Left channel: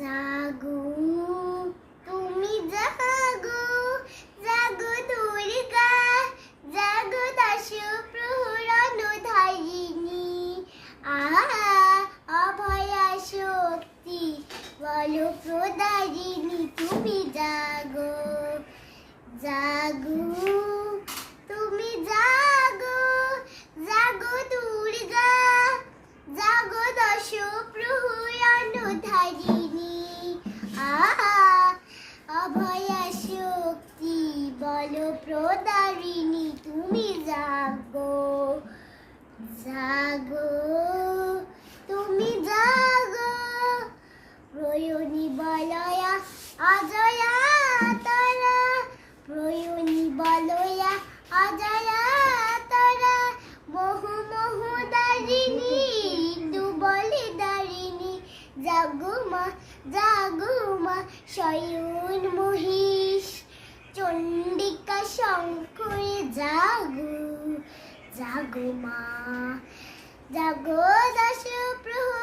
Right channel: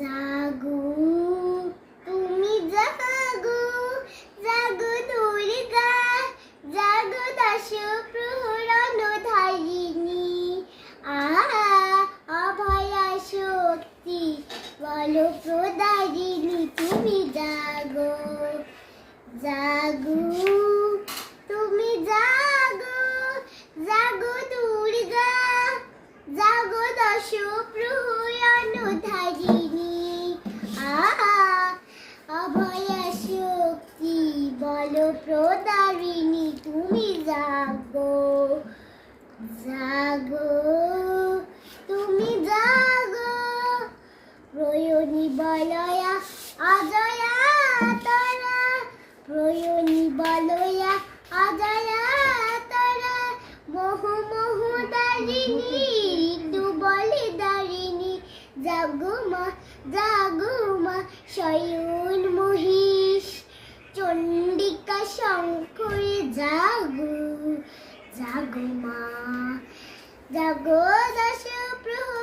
জাগো তুমি জাগো, জাগো দুর্গা, জাগো দশ প্রহরণ ধারিণী। আহা অভয়া শক্তি বল প্রদারিণী, তুমি জাগো, জাগো তুমি জাগো, জাগো দুর্গা, জাগো দশ প্রহরণ ধারিণী। আহা অভয়া শক্তি বল প্রদারিণী, তুমি জাগো, জাগো তুমি জাগো। প্রয়ণী বলয়া অজয়া তারা, প্রয়ণী বলয়া অজয়া তারা, বহু বহু দারিণী দুবলে দারিণী। জাগো মা শয়ন মহিষ, চণ্ডিকা শঙ্করী জাগো, জাগো মা, জাগো দশ প্রহর